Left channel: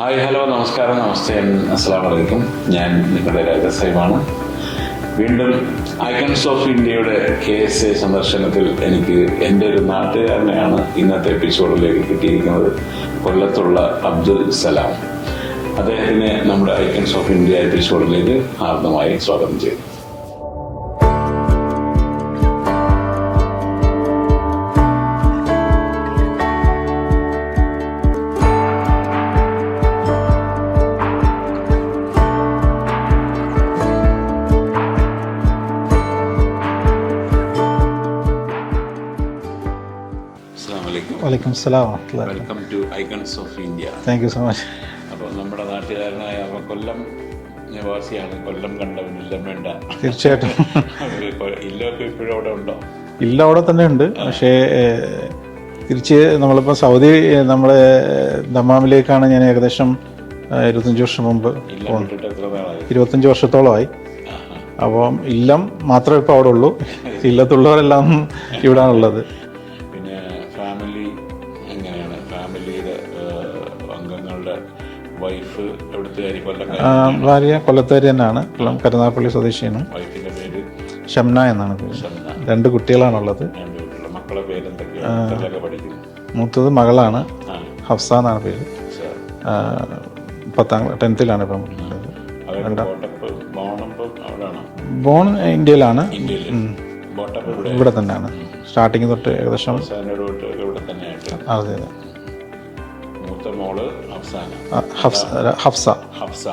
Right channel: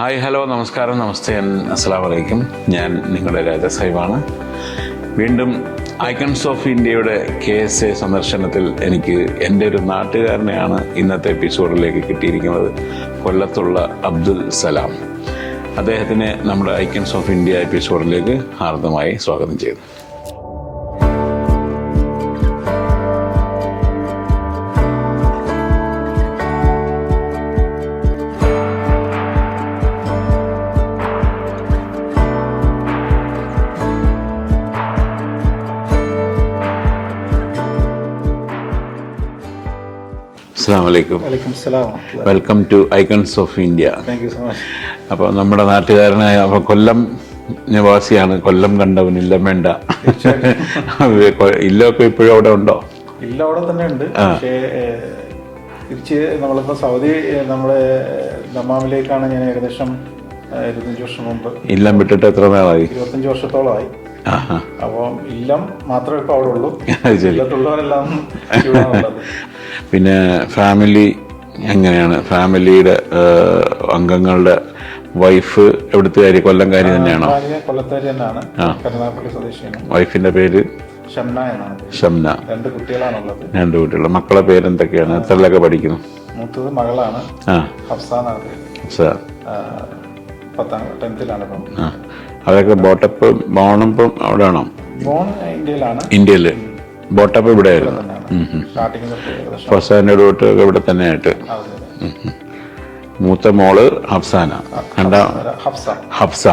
Hi, hello, നമസ്കാരം, നമസ്തേ, അസ്സലാമു അലൈക്കും. ഞാൻ നിങ്ങളുടെ രാജസാഹിബാണ്. വീണ്ടും ഐക്കൺസ് ഓഫ് ഇന്ത്യയുടെ KSA സന്ദർശനത്തിൽ എനിക്ക് എൻ്റെ ഒരു നാട്ടുകാരനെയാണ് ഇന്നത്തെ എപ്പിസോഡിലേക്ക് കിട്ടിയിരിക്കുന്നത്. കൊല്ലത്തുള്ള അബ്ദുൽ സലാം. അദ്ദേഹത്തിനെ നമ്മുടെ ഐക്കൺസ് ഓഫ് ഇന്ത്യ എപ്പിസോഡിലേക്ക് ഹാർദമായി സ്വാഗതം ചെയ്തു. Welcome to icons of India. Thank you so much. അപ്പോൾ നമ്മുടെ നാട്ടുകാരനായ അപ്പോൾ കൊല്ലം നിവാസിയാണ്. കൊല്ലം കണ്ടവൻ ഇല്ലം വേണ്ട. തീർച്ചയായിട്ടും. ഇല്ലമൊക്കെ ഇപ്പോഴും അവിടെ ഉണ്ടോ? ഇല്ല, അവിടെ തന്നെ ഉണ്ട്. പക്ഷേ നമ്മളിപ്പോൾ സൗദി നമ്മുടെ ദമാമിലേക്കാണ് ഞാൻ ഏകദേശം 25 വർഷം മുമ്പ്. ഇല്ലം വിട്ടിട്ട് എത്ര നാളായി? 25 വർഷത്തോളമായി. അപ്പം ഇല്ലം മാത്രമേ ഇപ്പോൾ അവിടെ ഉള്ളൂ. ഇല്ലത്തുള്ളവരെല്ലാം ഇവിടെ ഉള്ളത്. പിന്നെ ഫാമിലി എങ്ങനെയാണ്? ഫാമിലിയുടെ അംഗങ്ങളുടെ വൈഫ് എവിടുത്തുകാരി? കൊല്ലംകാരി തന്നെയാണോ? ഭാര്യ കൊല്ലത്തുകാരി തന്നെയാണ്. കരുനാഗപ്പള്ളി സ്വദേശിയാണ്. വൈഫിന്റെ പേര് ഷംന എന്നാണ്. ഷംന. 2 കുട്ടികളാണുള്ളത്. 2 കുട്ടികൾ. മക്കളെ പേരെന്തൊക്കെയാണ്? എത്രയിലൊക്കെ പഠിക്കുന്നു? മൂത്തത് മകളാണ്, ഹഫ്സ എന്നാണ് പേര്. 10th-ലാണ് ഇപ്പം. അവരൊക്കെ ബോട്ടപ്പ് ബോണപ്പം അവിടെയാണോ? ബോൺ ഇന്ത്യയിലാണ്. ഇന്ത്യയില്. ബോട്ടപ്പ് ഇവിടെ തന്നെയാണ്. സ്റ്റാർട്ടിങ് തൊട്ട് ഏകദേശം തൊട്ട് ഇവിടെ തന്നെ ആയിട്ട്. മൂത്ത മോള് ഹഫ്സാന. ഹഫ്സ.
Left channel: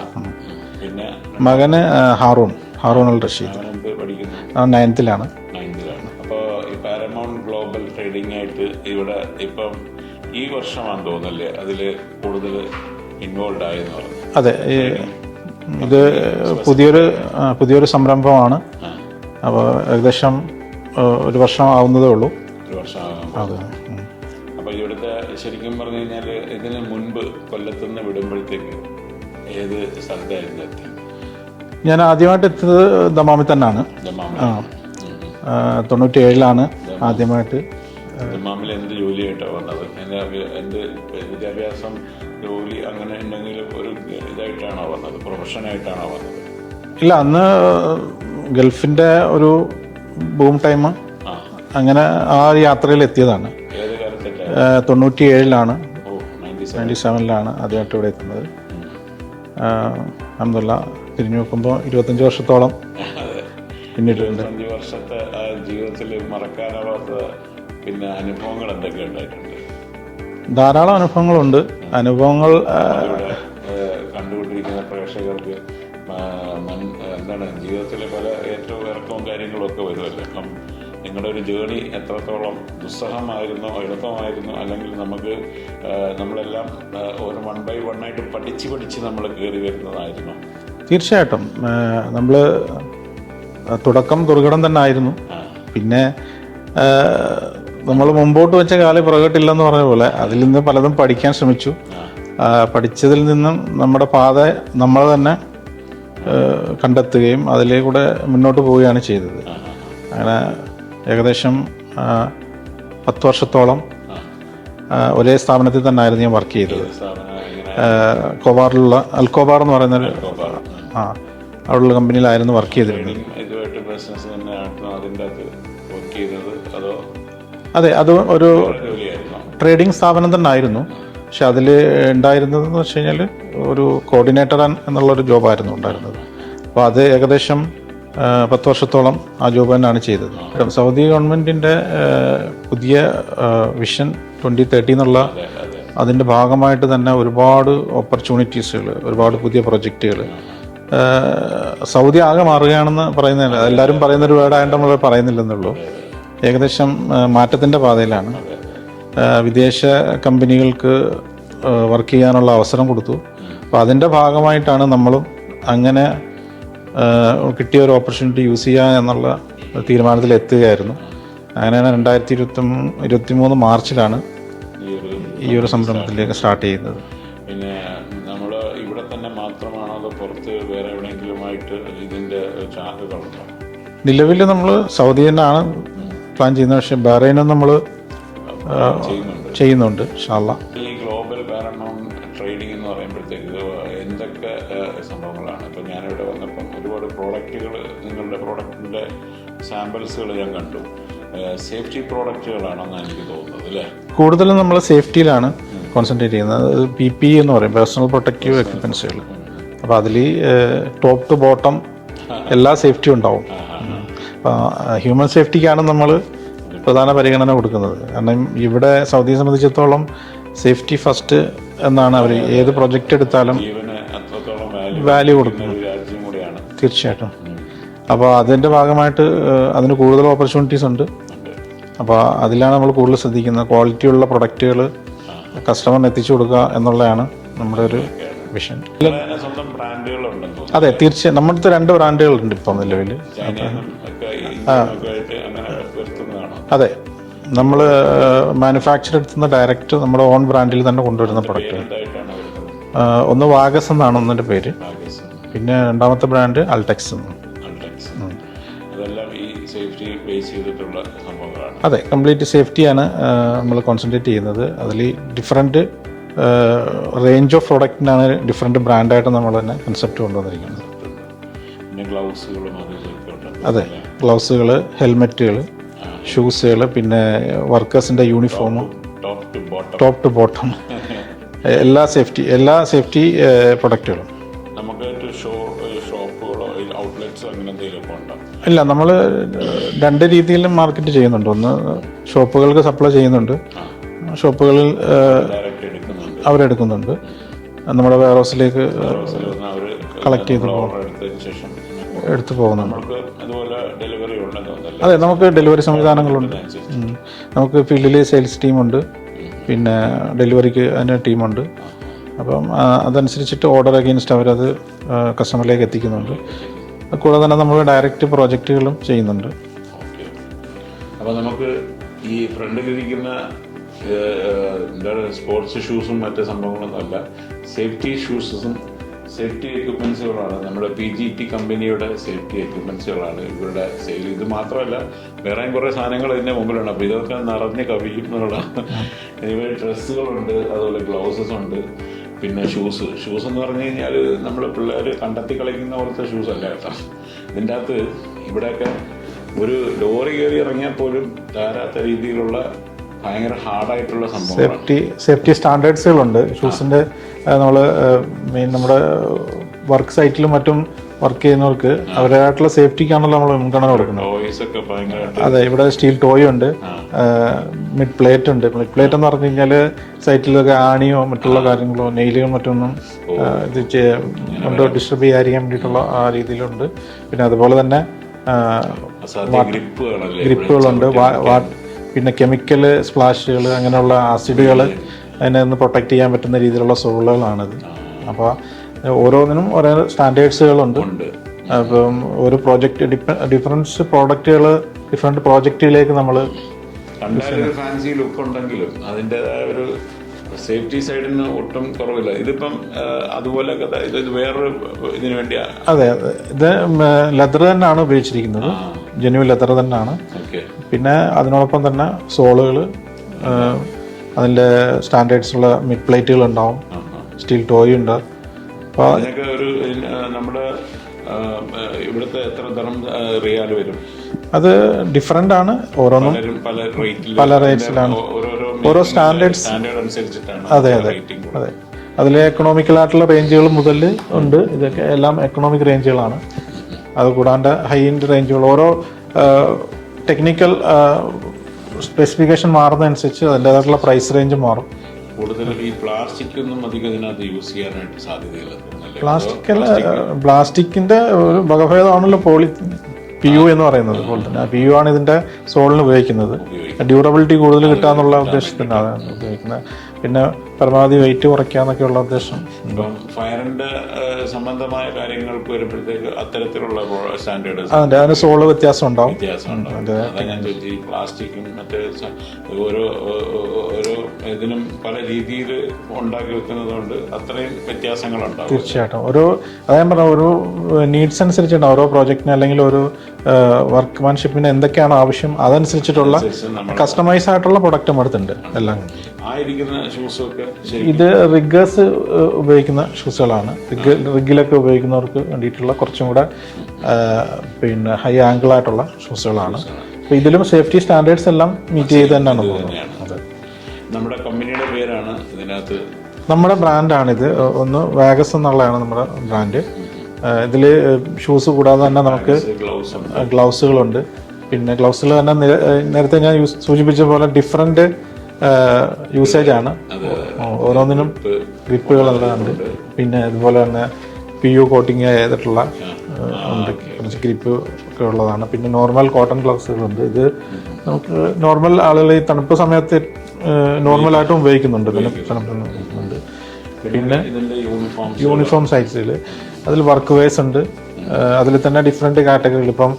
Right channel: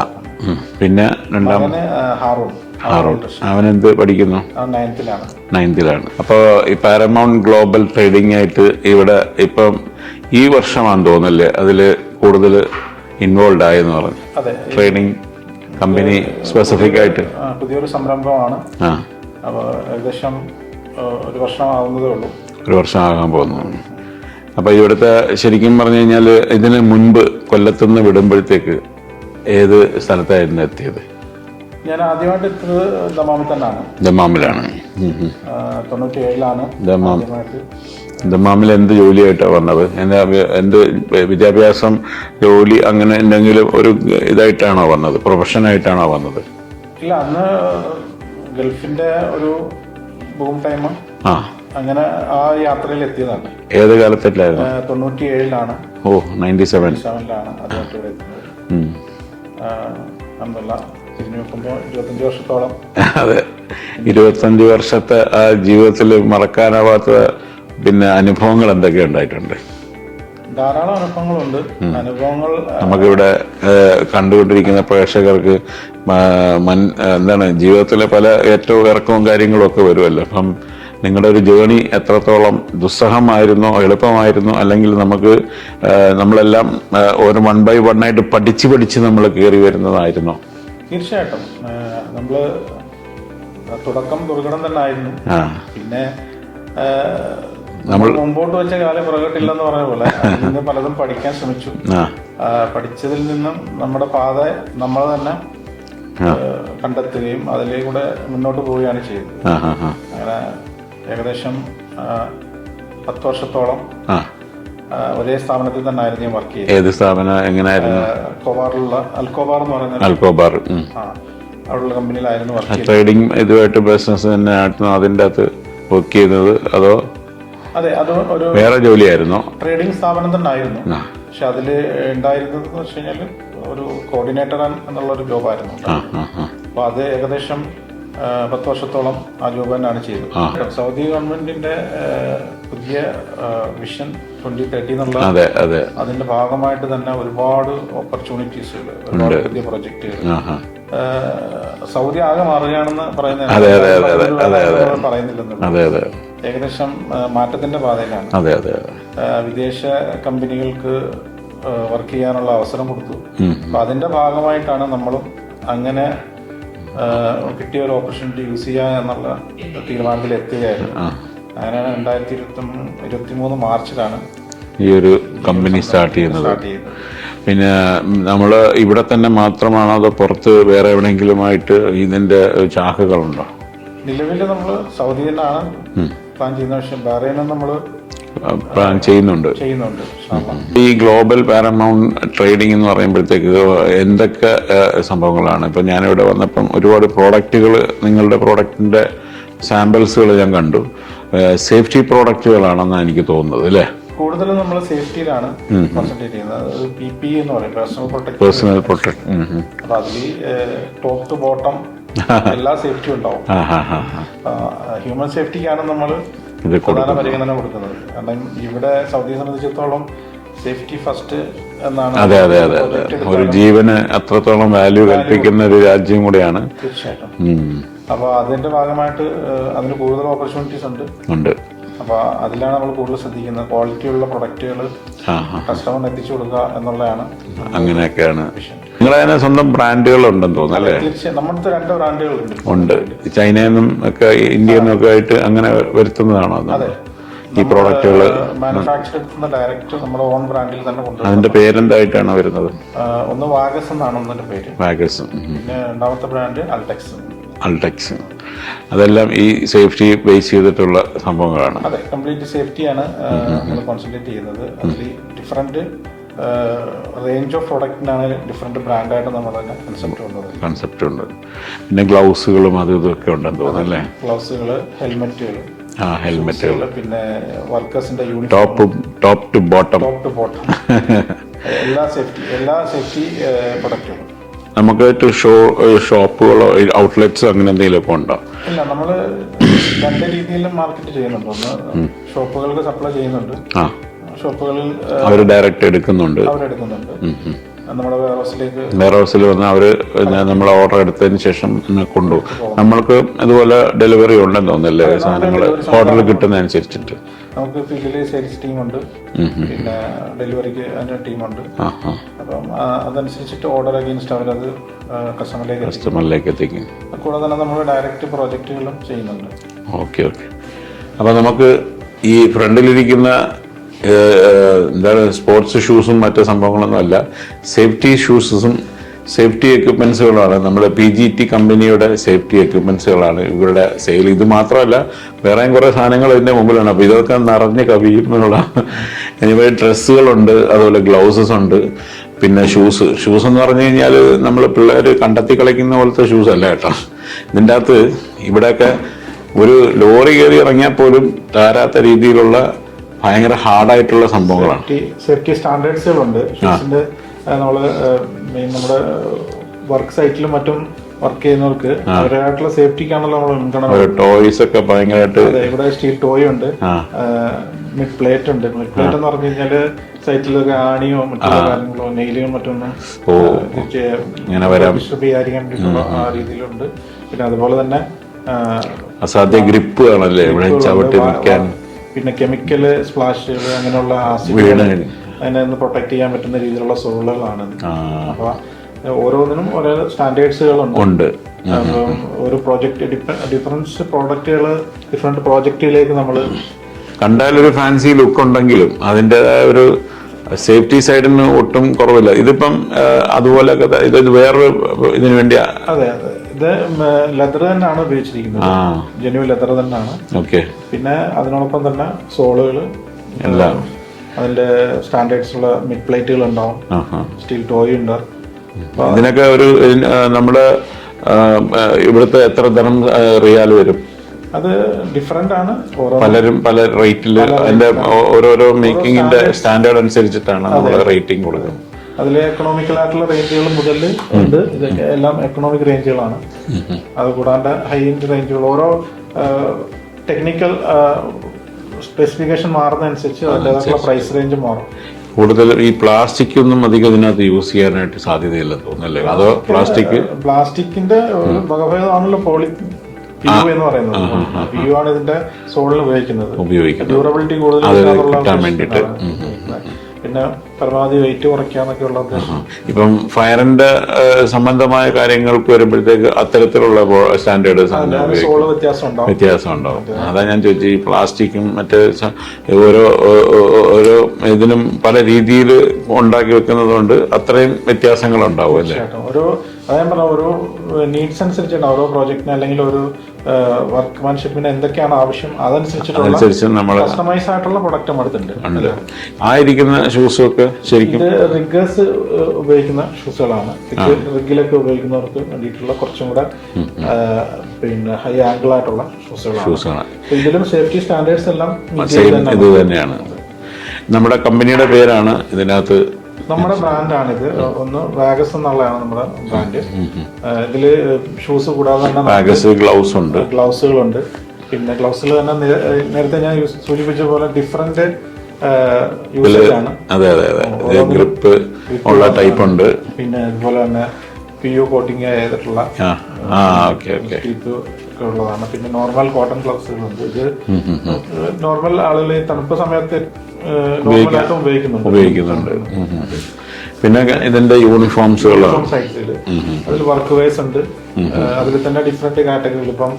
പിന്നെ മകന് ഹാറൂൺ. അവനെന്ത് പഠിക്കുന്നു? 9th-ലാണ്. അപ്പോൾ ഈ പാരമൗണ്ട് ഗ്ലോബൽ ട്രേഡിംഗ് ആയിട്ട് ഇവിടെ ഇപ്പം ഈ വർഷമാണെന്ന് തോന്നുന്നല്ലേ അതില് കൂടുതൽ ഇൻവോൾവ് ആയെന്ന് പറഞ്ഞു. അതെ, ട്രേഡിംഗ് കമ്പനി സ്പെസിഫിക് ആയിട്ട് പുതിയൊരു സംരംഭമാണ്. അപ്പോൾ ഏകദേശം 1 വർഷം ആവുന്നതേ ഉള്ളൂ. 1 വർഷം ആകാൻ പോകുന്നു. അപ്പോൾ ഇവിടുത്തെ ശരിക്കും പറഞ്ഞു കഴിഞ്ഞാൽ ഇതിന് മുൻപ് കൊല്ലത്തുനിന്ന് വിടുമ്പോഴത്തേക്ക് ഏത് സ്ഥലത്തായിരുന്നു എത്തിയത്? ഞാൻ ആദ്യമായിട്ട് എത്തിയത് ദമാമിൽ തന്നെയാണ്. ദമാമിലാണ്. 97-ലാണ് ആദ്യമായിട്ട്. ദമാമിൽ എന്ത് ജോലിയായിട്ടാണ് വന്നത്? എന്ത് വിദ്യാഭ്യാസം, ജോലി, അങ്ങനെ എന്തെങ്കിലും ഒരു ഇതായിട്ടാണോ വന്നത്? പ്രൊഫഷനായിട്ടാണോ വന്നത്? ഇല്ല, അന്ന് ഗൾഫിന്റെ ഒരു ബൂം ടൈം. അങ്ങനെ ആ യാത്രയിൽ എത്തിയതാണ്. ഏത് കാലത്തിലായിരുന്നു? 97-ലാണ്. 97-ലാണ് ആദ്യമായിട്ട് ഇവിടെ എത്തുന്നത്. അൽഹംദുലില്ലാ, തിരിഞ്ഞു നോക്കുമ്പോൾ 25 വർഷത്തോളം. അതെ, 25 വർഷത്തെ ആ ജീവിതത്തിൽ മറക്കാനാവാത്ത പിന്നെ അനുഭവങ്ങൾ എന്തൊക്കെ ഉണ്ടായിട്ടുണ്ട്? ധാരാളം അനുഭവങ്ങളുണ്ട്. അനുഭവങ്ങൾ നമുക്കിവിടെ കണ്ടുകൊണ്ടിരിക്കുന്ന പ്രേക്ഷകർക്ക് എന്താണ് ജീവിതത്തിലെ പല ഏറ്റവും ഇറക്കവും കാര്യങ്ങളും ഒക്കെ വരുമല്ലോ. അപ്പം നിങ്ങളുടെ ഒരു ജേണി എത്രത്തോളം ദുസ്സഹമായിരുന്നോ, എളുപ്പമായിരുന്നോ, അല്ലെങ്കിൽ നമ്മളെല്ലാം ഒരു 1 by 1 ആയിട്ട് പഠിച്ച് നമ്മൾ കയറി വരുന്നതായിരുന്നോ? തീർച്ചയായിട്ടും. നമ്മള് തുടക്കം ദുർഘടം തന്നെ ആയിരുന്നു. പിന്നെ നമ്മൾ മുമ്പോട്ട് വെച്ച കാലം പുറകോട്ടില്ലെന്ന് പറഞ്ഞ പോലെ അതിൽ നിന്ന് പലതും പഠിക്കാൻ ശ്രമിച്ചു. പഠിച്ചതിൽ നിന്നും നമ്മുടെ പാത നമ്മൾ തന്നെ കണ്ടെത്തുകയും അതിലേക്കൂടെ മുന്നോട്ട് പോവുകയാണ് ചെയ്തത്. അങ്ങനെ ഏകദേശം 10 വർഷത്തോളം ഒരേ സ്ഥാപനത്തിൽ തന്നെ ആയിരുന്നു ഞാൻ വർക്ക് ചെയ്തത്. ഏത് സ്ഥാപനം? എങ്ങനെയായിരുന്നു? കോബാറിലുള്ള അൽക്കോബാർ എന്ന് പറയുന്നത്. അവിടെയുള്ള കമ്പനിയിലായിരുന്നു വർക്ക് ചെയ്തത്. ട്രേഡിംഗ് ഇതുമായിട്ട് ബിസിനസ് തന്നെ ആയിരുന്നു അതിൻ്റെ അകത്ത് വർക്ക് ചെയ്യുന്നത്? അതോ? അതെ, അത് ഒരു വേറെ ജോലിയായിരുന്നു. ട്രേഡിംഗ് സ്ഥാപനം തന്നെ ആയിരുന്നു. പക്ഷെ അതിൽ ഉണ്ടായിരുന്നതെന്ന് വെച്ച് കഴിഞ്ഞാൽ ഒരു കോർഡിനേറ്റർ എന്നുള്ളൊരു ജോബായിരുന്നു ഉണ്ടായിരുന്നത്. അപ്പോൾ അത് ഏകദേശം 10 വർഷത്തോളം ആ ജോബ് തന്നെയാണ് ചെയ്തത്. സൗദി ഗവൺമെന്റിന്റെ പുതിയ വിഷൻ 2030 എന്നുള്ള അതിന്റെ ഭാഗമായിട്ട് തന്നെ ഒരുപാട് ഓപ്പർച്യൂണിറ്റീസുകൾ, ഒരുപാട് പുതിയ പ്രൊജക്ടുകൾ. സൗദി ആകെ മാറുകയാണെന്ന് പറയുന്നൊരു വേർഡായിട്ട് നമ്മൾ പറയുന്നില്ലെന്നുള്ളൂ. ഏകദേശം മാറ്റത്തിന്റെ പാതയിലാണ്. വിദേശ കമ്പനികൾക്ക് വർക്ക് ചെയ്യാനുള്ള അവസരം കൊടുത്തു. അപ്പൊ അതിന്റെ ഭാഗമായിട്ടാണ് നമ്മളും അങ്ങനെ കിട്ടിയ ഒരു ഓപ്പർച്യൂണിറ്റി യൂസ് ചെയ്യുക എന്നുള്ള തീരുമാനത്തിൽ എത്തുകയായിരുന്നു. അങ്ങനെയാണ് 2023 മാർച്ചിലാണ് ഈ ഒരു കമ്പനി സ്റ്റാർട്ട് ചെയ്യുന്നത്. പിന്നെ നമ്മൾ ഇവിടെ തന്നെ മാത്രമാണോ അതോ പുറത്ത് വേറെ എവിടെയെങ്കിലുമായിട്ട് ഇതിന്റെ ശാഖകളുണ്ടോ? നിലവിൽ നമ്മൾ സൗദി തന്നെയാണ് പ്ലാൻ ചെയ്യുന്നത്. പക്ഷെ ബഹ്റൈനും നമ്മൾ ചെയ്യുന്നുണ്ട്. ഇൻഷാ അല്ലാഹ്. ഈ ഗ്ലോബൽ പാരമൗണ്ട് ട്രേഡിംഗ് എന്ന് പറയുമ്പോഴത്തേക്ക് എന്തൊക്കെ സംഭവങ്ങളാണ്? ഇപ്പം ഞാനിവിടെ വന്നപ്പം ഒരുപാട് പ്രോഡക്റ്റുകൾ, നിങ്ങളുടെ പ്രോഡക്റ്റിന്റെ സാമ്പിൾസുകൾ ഞാൻ കണ്ടു. സേഫ്റ്റി പ്രോഡക്റ്റുകളാണെന്നാണ് എനിക്ക് തോന്നുന്നത്, അല്ലേ? കൂടുതലും നമ്മൾ സേഫ്റ്റിയിലാണ് കോൺസെൻട്രേറ്റ് ചെയ്യുന്നത്. PPE എന്ന് പറയും, പേഴ്സണൽ പ്രൊട്ടക്റ്റീവ്. അപ്പൊ അതിൽ ടോപ്പ് ടു ബോട്ടം എല്ലാ സേഫ്റ്റിയും ഉണ്ടാവും. ഹ്യൂമൻ സേഫ്റ്റിക്കാണ് നമ്മൾ പ്രധാന പരിഗണന കൊടുക്കുന്നത്. കാരണം ഇവിടെ സൗദിയെ സംബന്ധിച്ചിടത്തോളം സേഫ്റ്റി ഫസ്റ്റ് എന്നാണ് പ്രൊജക്ട് എടുത്താലും ജീവന് അത്രത്തോളം വാല്യൂ കൽപ്പിക്കുന്ന ഒരു രാജ്യം കൂടെയാണ്. തീർച്ചയായിട്ടും. അപ്പോൾ അതിന്റെ ഭാഗമായിട്ട് അതിന് കൂടുതൽ ഓപ്പർച്യൂണിറ്റീസ് ഉണ്ട്. അപ്പോൾ അതിലാണ് നമ്മൾ കൂടുതൽ ശ്രദ്ധിക്കുന്നത്. ക്വാളിറ്റിയുള്ള പ്രൊഡക്റ്റുകൾ കസ്റ്റമറിന് എത്തിച്ചു കൊടുക്കുക എന്നുള്ളതാണ് വിഷയം. നിങ്ങളതിന് സ്വന്തം ബ്രാൻഡുകൾ ഉണ്ടെന്ന് തോന്നുന്നു. അതെ, തീർച്ചയായും. നമ്മുടെ 2 ബ്രാൻഡുകളുണ്ട്. ചൈനയിൽ നിന്നും ഒക്കെ ഇന്ത്യയിൽ നിന്നൊക്കെ ആയിട്ട് അങ്ങനെ വരുത്തുന്നതാണോ? അതെ, നമ്മൾ മാനുഫാക്ചർ എടുത്തുന്ന ഡയറക്റ്റ് നമ്മുടെ ഓൺ ബ്രാൻഡിൽ തന്നെ കൊണ്ടുവരുന്നത്. അതിന്റെ പേരെന്തായിട്ടാണ് വരുന്നത്? ഒന്ന് വാഗസ് എന്നാണ് ഒന്നിന്റെ പേര്. വാഗസ്. പിന്നെ രണ്ടാമത്തെ ബ്രാൻഡ് അൾടെക്സ്. അതെല്ലാം ഈ സേഫ്റ്റി ബേസ് ചെയ്തിട്ടുള്ള സംഭവങ്ങളാണ്. അതെ, കംപ്ലീറ്റ് സേഫ്റ്റിയാണ് നമ്മൾ കോൺസെൻട്രേറ്റ് ചെയ്യുന്നത്. അതിൽ ഡിഫറെന്റ് റേഞ്ച് ഓഫ് പ്രൊഡക്റ്റിനാണ് ഡിഫറെന്റ് ബ്രാൻഡായിട്ട് നമ്മൾ തന്നെ കൺസെപ്റ്റ് ഉണ്ട്. പിന്നെ ഗ്ലൗസുകളും അതും ഇതൊക്കെ ഉണ്ടെന്ന് തോന്നുന്നു. ഗ്ലൗസുകൾ, ഹെൽമെറ്റുകൾ, ഷൂസുകൾ, പിന്നെ വർക്കേഴ്സിന്റെ യൂണിഫോം, ടോപ്പ് ടു ബോട്ടം എല്ലാ സേഫ്റ്റി പ്രൊഡക്റ്റുകളും. നമുക്ക് ഷോപ്പുകളോ ഔട്ട്ലെറ്റ്സ് അങ്ങനെ എന്തെങ്കിലുമൊക്കെ ഉണ്ടോ? ഇല്ല, നമ്മൾ 2 രീതിയിലും മാർക്കറ്റ് ചെയ്യുന്നുണ്ട്. ഒന്ന് ഷോപ്പുകൾക്ക് സപ്ലൈ ചെയ്യുന്നുണ്ട്. ഷോപ്പുകളിൽ ഡയറക്റ്റ് എടുക്കുന്നുണ്ട്. അവരെടുക്കുന്നുണ്ട്. നമ്മുടെ വെയർഹൗസിൽ വന്ന് അവര് നമ്മൾ ഓർഡർ എടുത്തതിന് ശേഷം കൊണ്ടുപോകും. നമ്മൾക്ക് അതുപോലെ ഡെലിവറി ഉണ്ടെന്ന് തോന്നുന്നല്ലേ? ഓർഡർ കിട്ടുന്നതനുസരിച്ചിട്ട് നമുക്ക് ഫീൽഡിൽ സെയിൽസ് ടീമുണ്ട്, പിന്നെ ഡെലിവറിക്ക് അതിന് ടീമുണ്ട്. അപ്പം അതനുസരിച്ചിട്ട് ഓർഡർ അഗെയിൻസ്റ്റ് അവരത് കസ്റ്റമറിലേക്ക് എത്തിക്കും. കൂടാതെ തന്നെ നമ്മൾ ഡയറക്റ്റ് പ്രോജക്റ്റുകളും ചെയ്യുന്നുണ്ട്. ഓക്കെ. അപ്പൊ നമുക്ക് ഈ ഫ്രണ്ടിലിരിക്കുന്ന എന്താണ് സ്പോർട്സ് ഷൂസും മറ്റു സംഭവങ്ങളൊന്നും അല്ല, സേഫ്റ്റി ഷൂസും സേഫ്റ്റി എക്യുപ്മെന്റ്സുകളാണ്. നമ്മുടെ PGT കമ്പനിയുടെ സേഫ്റ്റി എക്യുപ്മെന്റ്സുകളാണ് ഇവരുടെ സെയിൽ. ഇത് മാത്രമല്ല, വേറെയും കുറെ സാധനങ്ങൾ ഇതിന്റെ മുമ്പിലാണ്. അപ്പൊ ഇതൊക്കെ നിറഞ്ഞ് കവിയുന്നുള്ള ഡ്രസ്സുകളുണ്ട്, അതുപോലെ ഗ്ലൗസസ് ഉണ്ട്, പിന്നെ ഷൂസ് എന്ന് പറഞ്ഞു കഴിഞ്ഞാൽ നമ്മൾ പിള്ളേർ കണ്ടെത്തി കളിക്കുന്ന പോലത്തെ ഷൂസ് അല്ല കേട്ടോ. ഇതിൻ്റെ അകത്ത് ഇവിടെയൊക്കെ ഒരു ലോറി കയറി ഇറങ്ങിയാൽ പോലും താരാത്ത രീതിയിലുള്ള ഭയങ്കര ഹാർഡായിട്ടുള്ള സംഭവങ്ങളാണ്. സേഫ്റ്റി സ്റ്റാൻഡേർഡ്സുകളുണ്ട് ഷൂസിന്റെ. നമ്മള് നമ്മുടെ വർക്ക് സൈറ്റിലും മറ്റും വർക്ക് ചെയ്യുന്നവർക്ക് അവരുടേതായിട്ടുള്ള സേഫ്റ്റിക്കാണല്ലോ നമ്മൾ മുൻഗണന. ടോയ്സ് ഒക്കെ ഭയങ്കരമായിട്ട്. അതെ, ഇവിടെ സ്റ്റീൽ ടോയ് ഉണ്ട്, മിഡ് പ്ലേറ്റ് ഉണ്ട്. മിഡ് പ്ലേറ്റ് എന്ന് പറഞ്ഞു കഴിഞ്ഞാല് സൈറ്റിലൊക്കെ ആണിയോ മറ്റുള്ള കാര്യങ്ങളോ നെയിലുകളോ മറ്റൊന്നും ഡിസ്റ്റർബ് ചെയ്യാതിരിക്കാൻ വേണ്ടിയിട്ടുള്ള ആ രീതിയിലുണ്ട്. പിന്നെ അതുപോലെ തന്നെ അസാധ്യ ഗ്രിപ്പ് ആണല്ലേ പിന്നെ കെമിക്കൽ സ്പ്ലാഷുകൾ, അങ്ങനെയുള്ള ആസിഡുകൾ അതിനെ ഒന്ന് പ്രൊട്ടക്ട് ചെയ്യാൻ പറ്റുന്ന രീതിയിലുള്ള സോളുകളാണിത്. അപ്പൊ ഓരോന്നിനും ഓരോ സ്റ്റാൻഡേർഡ്സുകളുണ്ട്. അപ്പം ഒരു പ്രോജക്റ്റ് ഡിഫറൻസ് പ്രോഡക്റ്റുകൾ ഡിഫറെന്റ് പ്രോജക്റ്റുകളിലേക്ക് നമ്മൾ കണ്ടാലൊരു ഫാൻസി ലുക്ക് ഉണ്ടെങ്കിലും അതിൻ്റെതായ ഒരു സേഫ്റ്റി സൈഡിന് ഒട്ടും കുറവില്ല. ഇതിപ്പം അതുപോലെ ഇത് വേറൊരു ഇതിനു വേണ്ടി. അതെ, ഇത് ലെതർ തന്നെയാണ് ഉപയോഗിച്ചിരിക്കുന്നത്. ജെന്യുവൻ ലെതർ തന്നെയാണ്. ഓക്കെ. പിന്നെ അതിനോടൊപ്പം തന്നെ സോളുകൾ, അതിന്റെ സ്റ്റാൻഡേർഡ്സ് ഉള്ള മിഡ് പ്ലേറ്റുകൾ ഉണ്ടാവും, സ്റ്റീൽ ടോയ് ഉണ്ട്. ഇതിനൊക്കെ ഒരു നമ്മുടെ ഇവിടുത്തെ എത്ര ധനം റിയാൽ വരും? അത് ഡിഫറെന്റ് ആണ്. പലരും പല റേറ്റിൽ ഓരോരോ മേക്കിംഗിന്റെ സ്റ്റാൻഡേർഡ് അനുസരിച്ചിട്ടാണ് റേറ്റിംഗ് കൊടുക്കുന്നത്. അതിൽ എക്കണോമിക്കൽ ആയിട്ടുള്ള റേഞ്ചുകൾ മുതൽ ഉണ്ട്. ഇതൊക്കെ എല്ലാം എക്കണോമിക് റേഞ്ചുകളാണ്. അത് കൂടാണ്ട് ഹൈ എൻഡ് റേഞ്ചുകൾ. ഓരോ ടെക്നിക്കൽ സ്പെസിഫിക്കേഷൻ മാറുന്നതനുസരിച്ച് അതിൻ്റെതായിട്ടുള്ള പ്രൈസ് റേഞ്ച് മാറും. കൂടുതൽ ഈ പ്ലാസ്റ്റിക് ഒന്നും അധികം ഇതിനകത്ത് യൂസ് ചെയ്യാനായിട്ട് സാധ്യതയില്ല തോന്നുന്നല്ലേ? അതോ പ്ലാസ്റ്റിക്കിന്റെ ഒരു വകഭേദമാണല്ലോ PU എന്ന് പറയുന്നത്. PU ആണ് ഇതിന്റെ സോളിന് ഉപയോഗിക്കുന്നത്. ഡ്യൂറബിലിറ്റി കൂടുതൽ കിട്ടാന്നുള്ള. പിന്നെ പരമാവധി വെയിറ്റ് കുറയ്ക്കാന്നൊക്കെ ഉള്ള ഉദ്ദേശം. ഇപ്പം ഫയറിന്റെ സംബന്ധമായ കാര്യങ്ങൾക്ക് വരുമ്പോഴത്തേക്ക് അത്തരത്തിലുള്ള സ്റ്റാൻഡേർഡ് സോള് വ്യത്യാസം ഉണ്ടാവും. അതാ ഞാൻ ചോദിച്ചു. ഈ പ്ലാസ്റ്റിക്കും മറ്റേ ഓരോ ഇതിനും പല രീതിയിൽ ഉണ്ടാക്കി വെക്കുന്നത് കൊണ്ട് അത്രയും വ്യത്യാസങ്ങൾ ഉണ്ടാവും. ഞാൻ പറഞ്ഞ ഒരു നീഡ്സ് അനുസരിച്ചാണ് ഓരോ പ്രോജക്റ്റിന് അല്ലെങ്കിൽ ഒരു വർക്ക്മാൻഷിപ്പിന് എന്തൊക്കെയാണ് ആവശ്യം അതനുസരിച്ചിട്ടുള്ള കസ്റ്റമൈസ് ആയിട്ടുള്ള പ്രൊഡക്റ്റ് അടുത്തുണ്ട്. ആയിരിക്കുന്ന ഷൂസൊക്കെ ശരിക്കും ഇത് റിഗേഴ്സ് ഉപയോഗിക്കുന്ന ഷൂസുകളാണ്. റിഗിലൊക്കെ ഉപയോഗിക്കുന്നവർക്ക് വേണ്ടിയിട്ടുള്ള കുറച്ചും കൂടെ പിന്നെ ഹൈ ആംഗിൾ ആയിട്ടുള്ള ഷൂസുകളാണ്. ഇതിലും സേഫ്റ്റി സ്റ്റാൻഡേർഡ്സ് എല്ലാം ഇത് തന്നെയാണ്. നമ്മുടെ കമ്പനിയുടെ പേരാണ് ഇതിനകത്ത്. നമ്മുടെ ബ്രാൻഡാണിത്. ഒന്ന് വാഗസ് എന്നുള്ളതാണ് നമ്മുടെ ബ്രാൻഡ്. ഇതില് ഷൂസ് കൂടാതെ തന്നെ ഗ്ലൗസുകളുണ്ട്. പിന്നെ ഗ്ലൗസുകൾ തന്നെ നേരത്തെ ഞാൻ സൂചിപ്പിച്ച പോലെ ഡിഫറെന്റ് യൂസേജ് ആണ്. പിന്നെ അതുപോലെ തന്നെ PU കോട്ടിങ് ചെയ്തിട്ടുള്ള സ്ലിപ്പ് ഒക്കെ ഉള്ളതാണ്. പിന്നെ നോർമൽ കോട്ടൺ ഗ്ലൗസുകളുണ്ട്. ഇത് നോർമൽ ആളുകൾ ഈ തണുപ്പ് സമയത്ത് നോർമലായിട്ടും ഉപയോഗിക്കുന്നുണ്ട്. പിന്നെ ഇതിന്റെ യൂണിഫോം സൈസിൽ അതിൽ വർക്ക് വേഴ്സ് ഉണ്ട്. അതിൽ തന്നെ ഡിഫറെന്റ് കാറ്റഗറികൾ. ഇപ്പം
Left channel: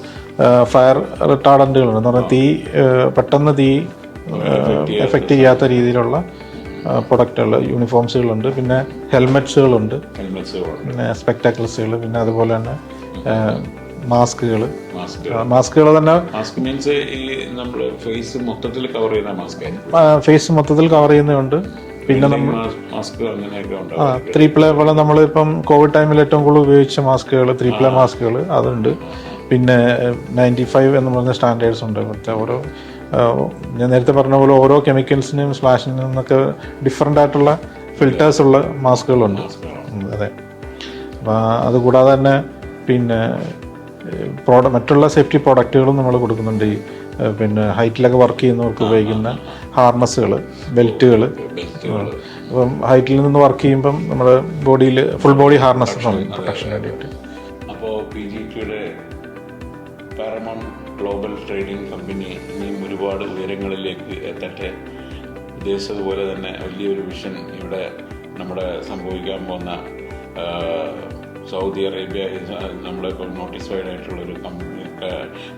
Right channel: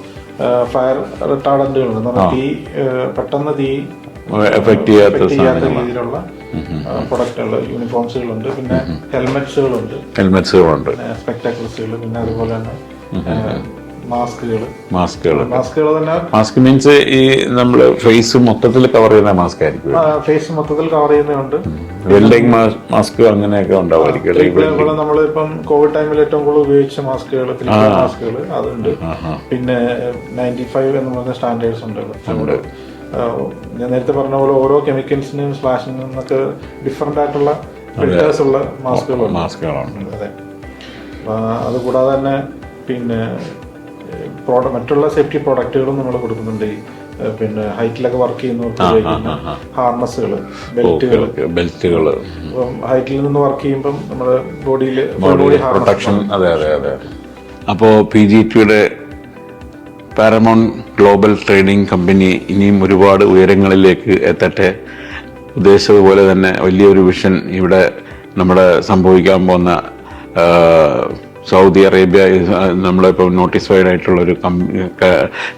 ഫയർ റിട്ടാർഡന്റുകളുണ്ട്. പെട്ടെന്ന് തീ എഫക്ട് ചെയ്യാത്ത രീതിയിലുള്ള പ്രൊഡക്റ്റുകൾ, യൂണിഫോംസുകളുണ്ട്. പിന്നെ ഹെൽമെറ്റ്സുകളുണ്ട്. പിന്നെ സ്പെക്ടാക്കിൾസുകൾ. പിന്നെ അതുപോലെ തന്നെ മാസ്കുകൾ തന്നെ. മാസ്ക് മീൻസ് ഈ നമ്മള് ഫേസ് മൊത്തത്തിൽ കവർ ചെയ്യുന്ന മാസ്ക് ആയിരിക്കും. ഫേസ് മൊത്തത്തിൽ കവർ ചെയ്യുന്നുണ്ട്. വെൽഡിംഗ് മാസ്ക് അങ്ങനെയൊക്കെ ഉണ്ടാവും. 3 പോലെ നമ്മളിപ്പം കോവിഡ് ടൈമിൽ ഏറ്റവും കൂടുതൽ ഉപയോഗിച്ച മാസ്കുകൾ 3 മാസ്കുകൾ അതുണ്ട്. പിന്നെ 95 എന്ന് പറയുന്ന സ്റ്റാൻഡേർഡ്സ് ഉണ്ട്. ഞാൻ നേരത്തെ പറഞ്ഞ പോലെ ഓരോ കെമിക്കൽസിനും സ്പ്ലാഷിനും നിന്നൊക്കെ ഡിഫറെന്റ് ആയിട്ടുള്ള ഫിൽറ്റേഴ്സ് ഉള്ള മാസ്കുകളുണ്ട്. അതെ. അതുകൂടാതെ തന്നെ പിന്നെ മറ്റുള്ള സേഫ്റ്റി പ്രോഡക്റ്റുകളും നമ്മൾ കൊടുക്കുന്നുണ്ട്. പിന്നെ ഹൈറ്റിലൊക്കെ വർക്ക് ചെയ്യുന്നവർക്ക് ഉപയോഗിക്കുന്ന ഹാർനസുകൾ, ബെൽറ്റുകൾ. ഹൈറ്റിൽ നിന്ന് വർക്ക് ചെയ്യുമ്പം നമ്മുടെ ബോഡിയിൽ ഫുൾ ബോഡി ഹാർനസ്. അപ്പോൾ PGTയുടെ പാരമൗണ്ട് ഗ്ലോബൽ ട്രേഡിംഗ് കമ്പനി ഇനിയും ഒരുപാട് ഉയരങ്ങളിലേക്ക് എത്തട്ടെ. ഉദ്ദേശിച്ചതുപോലെ തന്നെ വലിയൊരു വിഷൻ ഇവിടെ നമ്മുടെ സംഭവിക്കാൻ പോകുന്ന സൗദി അറേബ്യ നമ്മളിപ്പോൾ നോട്ടിസ്ഫൈഡ് ആയിട്ടുള്ളൊരു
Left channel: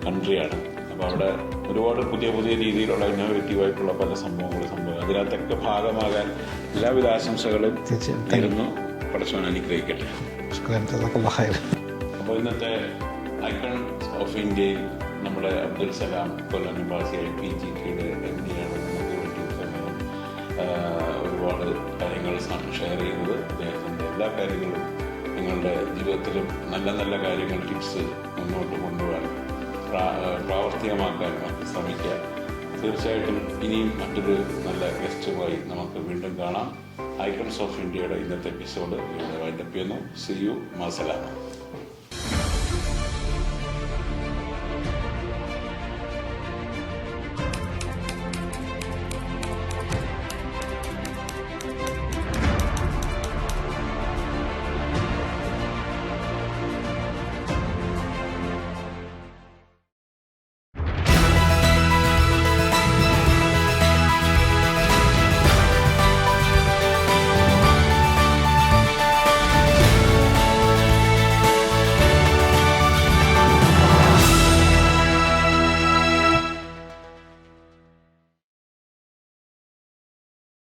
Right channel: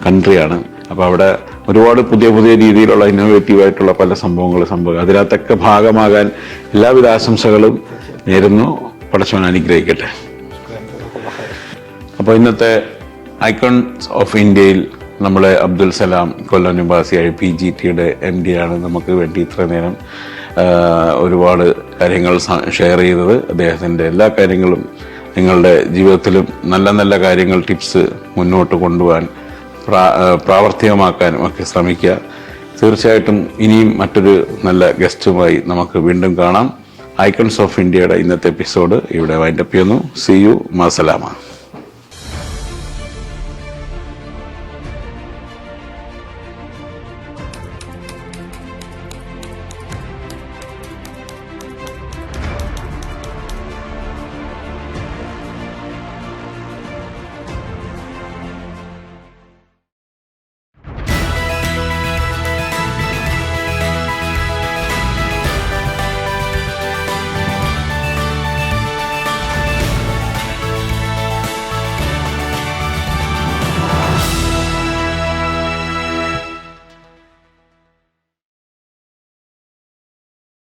കൺട്രിയാണ്. അപ്പോൾ അവിടെ ഒരുപാട് പുതിയ പുതിയ രീതിയിലുള്ള ഇന്നോവേറ്റീവ് ആയിട്ടുള്ള പല സംഭവങ്ങളും അതിനകത്തൊക്കെ ഭാഗമാകാൻ എല്ലാവിധ ആശംസകളും നേരുന്നു. പടച്ചവൻ അനുഗ്രഹിക്കട്ടെ. അപ്പോൾ ഇന്നത്തെ ഐക്കൺസ് ഓഫ് ഇന്ത്യയിൽ നമ്മളെ അബ്ദുൽ സലാം കൊല്ലം നിവാസിയായ PGTയുടെ MD ആണ് നമുക്ക് വേണ്ടി ഇത്ര നേരം ഒരുപാട് കാര്യങ്ങൾ ഷെയർ ചെയ്തത്. അദ്ദേഹത്തിൻ്റെ എല്ലാ കാര്യങ്ങളും നിങ്ങളുടെ ജീവിതത്തിലും നല്ല നല്ല കാര്യങ്ങൾ, ടിപ്സ് മുന്നോട്ട് കൊണ്ടുപോകാൻ പ്രാവർത്തികമാക്കാനും ഒക്കെ ശ്രമിക്കുക. തീർച്ചയായിട്ടും ഇനിയും മറ്റൊരു നല്ല ഗസ്റ്റുമായി നമുക്ക് വീണ്ടും കാണാം. ഐക്കൺസ് ഓഫ് ഇന്ത്യയുടെ ഇന്നത്തെ എപ്പിസോഡ് ഇവിടെ വൈൻഡപ്പ് ചെയ്യുന്നു. See you. മാസലാമ.